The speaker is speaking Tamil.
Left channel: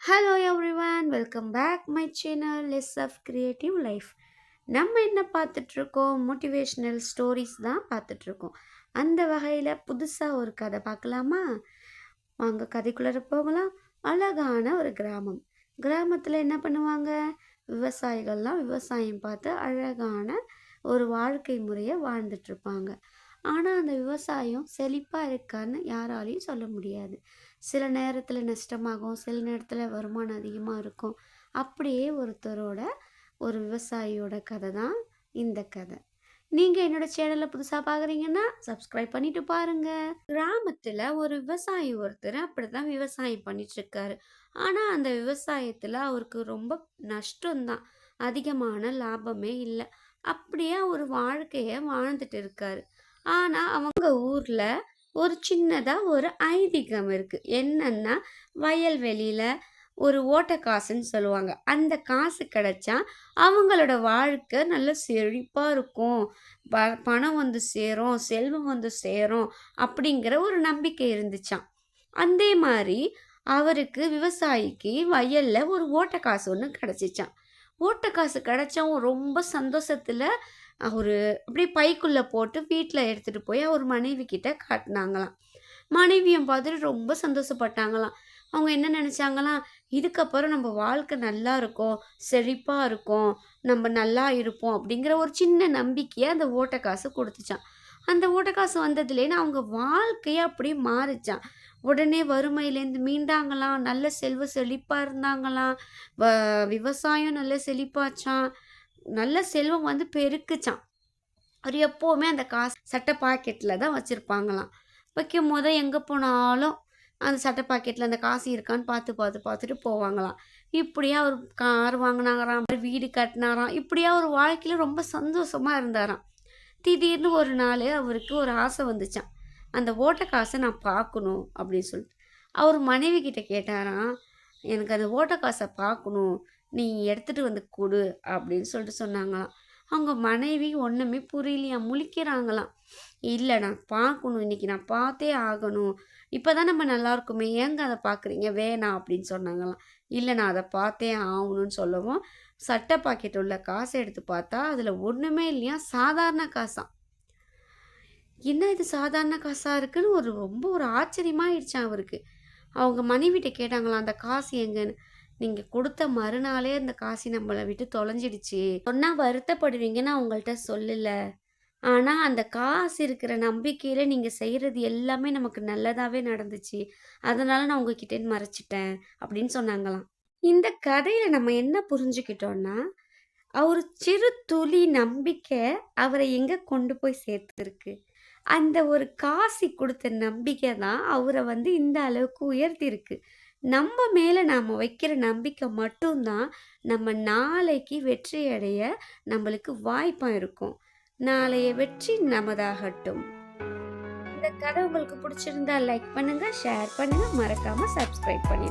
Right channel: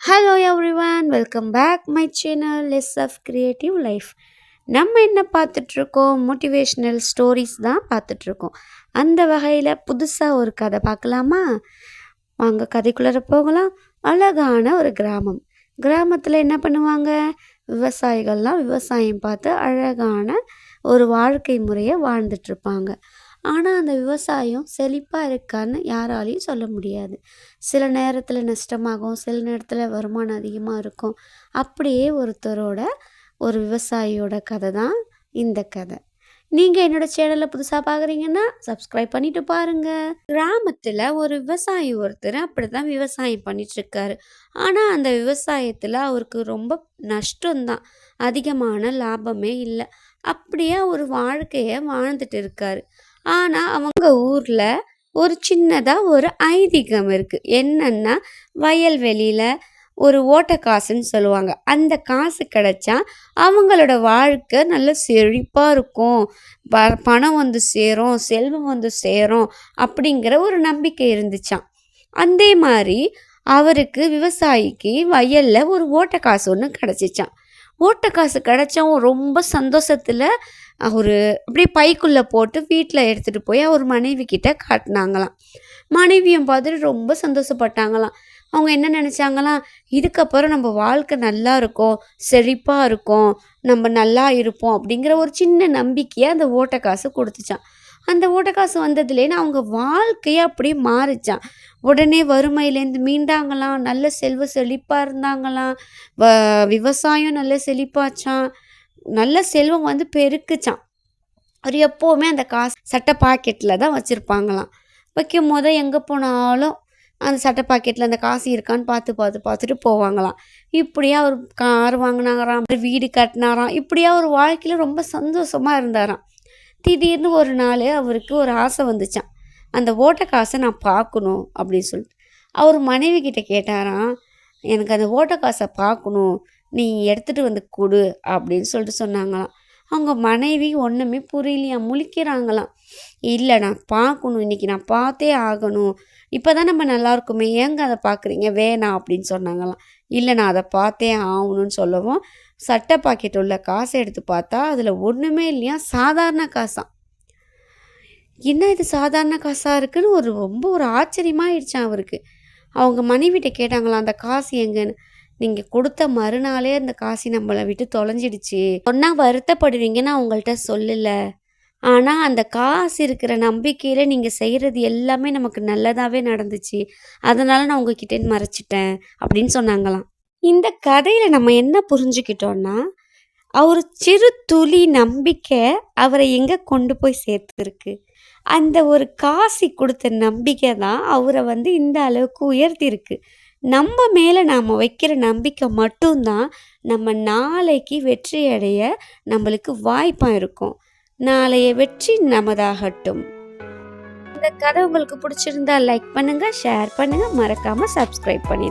Hello everyone, welcome back my channel less of creative life. நம்ம என்ன பார்த்துட்ருக்கோம்? மோட்டிவேஷ்னல் ஸ்டோரிஸ் தான் பார்த்துட்ருக்கோம். அந்த வகையில் புதுசாக ஒரு கதை பார்க்கலாமா? வாங்க கதைக்குள்ளே போகலாம். அழகான ஒரு கிராமம். கிராமத்தில் என்ன பண்ணுவாங்க? விவசாயிகள்லாம் விவசாயம் பார்த்து அழகான ஒரு வாழ்க்கை முறையை வாழ்ந்துட்டுருப்பாங்க. ஆனால் அந்த விவசாயம் செழிப்பாக இருக்கான்னு யாராலையும் சொல்ல முடியாது. சில நேரத்தில் நஷ்டமாகும், சில நேரத்தில் வருமானம் அதிகமாக இருக்கும். அப்படியே ஒருத்தரோட ஒரு விவசாயியோட கதை தான் இந்த கதை. நீங்கள் என்னோடய சேனலில் புதுசாக பார்க்குறீங்கன்னா சப்ஸ்கிரைப் பண்ணிவிட்டு பாருங்கள். கிராமத்தில் ஒரு விவசாயி ஒருத்தர் அப்படி தான் விவசாயம் பண்ணிகிட்ருக்காரு. ஆனால் அந்த விவசாயத்தில் அவருக்கு ரொம்ப நஷ்டம்தான், அதிகமான லாபமே இல்லை. அப்படியே ஒரு வாழ்க்கையை வாழ்ந்துட்டு இருக்காரு. ஆனால் அவங்க ஊரில் ஒரு சின்னதாக ஒரு ஐதீகம் இருக்குது. என்னன்னா, வயல்வெளியில் ஒரு ஓட்ட காசுன்னு சொல்லுவாங்க. அந்த காசு கிடைச்சா அவங்களோட வாழ்க்கை நல்ல செழிப்பாக இருக்கும், பணம் வந்து சேரும், செல்வம் வந்து சேரும் அப்படிங்கிற ஒரு நம்பிக்கை இருந்துச்சாம். அதே மாதிரி அவருக்கு விவசாயிக்கு வயலில் ஒரு ஓட்ட காசு ஒன்று கிடச்சிச்சான். ஓட்ட காசு கிடச்சவும் ரொம்ப சந்தோஷத்தில் ஒரு அப்படியே பைக்குள்ளே போட்டு வீட்டில் எடுத்துகிட்டு போய் அவர் மனைவி கிட்ட காட்டினாங்களாம். மனைவியும் பார்த்துட்டு ரொம்ப சந்தோஷப்பட்டாங்களாம். அவங்க என்ன நினச்சாங்களாம், இதுக்கப்புறம் நம்ம வாழ்க்கை நல்லா இருக்கும், செழிப்பாக இருக்கும், நம்ம நல்லா இருப்போம் அப்படிங்கிற ஒரு சின்ன நம்பிக்கையை அந்த ஓட்ட காசு கொடுத்துச்சான். அந்த ஓட்ட காசு வந்ததுலேன்னு அவங்க வாழ்க்கையே அப்படியே மாறிச்சான். உடனே வறுமையிலேருந்து மீண்டாங்களாம், நல்ல செல்வ செழிப்பாக இருந்தாங்களாம். விவசாயம் நல்ல செழிப்பாச்சான், நல்ல செல்வம் வந்து பெருக்குச்சான். அவர் எப்போவுமே அந்த காசு சட்டை பாக்கெட்டில் தான் வச்சுருப்பாங்களாம். வைக்கும் போது எங்கே போனாலும் அந்த சட்டை பாக்கெட்டில் அந்த காசு இருக்கான்னு பார்த்துட்டு போவாங்களாம். இப்படியே அவர் கார் வாங்கினாராம், வீடு கட்டினாராம். இப்படியே அவர் வாழ்க்கையில் ரொம்ப சந்தோஷமாக இருந்தாராம். திடீர்னு ஒரு நாள் அவருக்கு ஒரு ஆசை வந்துச்சான், அந்த ஓட்ட காசை நான் பார்க்கணும் அப்படின்னு சொல்லிட்டு. அவர் மனைவி கிட்ட கேட்டாராம், எனக்கு அந்த ஓட்ட காசை பார்க்கணும், நீ எடுத்துகிட்டு வந்து கொடு அப்படின்னு சொல்லிட்டு சொன்னாங்களாம். அவங்க மனைவி ஒன்றுமே புரியலையாம், முழிக்கிறாங்களாம். இல்லை, நான் பார்க்கணும், இன்றைக்கி நான் பார்த்தே ஆகணும், இப்போ தான் நம்ம நல்லா இருக்குமே, ஏங்க அதை பார்க்குறீங்க, வேணாம் அப்படின்னு சொன்னாங்களாம். இல்லை, நான் அதை பார்த்தே ஆகணும்னு சொல்லவும் சட்டை பாக்கெட் உள்ள காசை எடுத்து பார்த்தா அதில் ஒன்றுமே இல்லையா, சாதாரண காசாம். என்ன இது சாதாரண காசாக இருக்குன்னு ரொம்ப ஒரு ஆச்சரியமாகிடுச்சான் அவருக்கு. அவங்க மனைவிட்ட கேட்டாங்களாம், அந்த காசு எங்கன்னு. நீங்கள் கொடுத்த மறுநாளே அந்த காசு நம்மளை விட்டு தொலைஞ்சிடுச்சு, சொன்னால் வருத்தப்படுவீங்கன்னு அவங்கள்ட்ட சொல்லலை. ஆனால் அந்த காசு இருக்கிற நம்பிக்கையில் நீங்கள் செய்கிறது எல்லாமே நமக்கு நல்லதாகவே நடந்துச்சு, அதனால் நான் உங்ககிட்டேருந்து மறைச்சிட்டேன் அப்படின்னு சொன்னாங்களாம். இந்த கதையில் நம்ம என்ன புரிஞ்சுக்கிட்டோன்னா, ஒரு சிறு துளி நம்பிக்கை அவரை எங்கே கொண்டு போய் சேர்த்துருக்கு. அந்த ஒரு காசி கொடுத்த நம்பிக்கை தான் அவரை வந்து இந்த அளவுக்கு உயர்த்திருக்கு. நம்ம மேலே நாம் வைக்கிற நம்பிக்கை மட்டும்தான் நம்ம நாளைக்கு வெற்றி அடைய நம்மளுக்கு வாய்ப்பாக இருக்கும். நாளைய வெற்றி நமதாகட்டும். இந்த கதை உங்களுக்கு பிடிச்சிருந்தா லைக் பண்ணுங்கள், ஷேர் பண்ணுங்கள், மறக்காமல் சப்ஸ்கிரைப் பண்ணி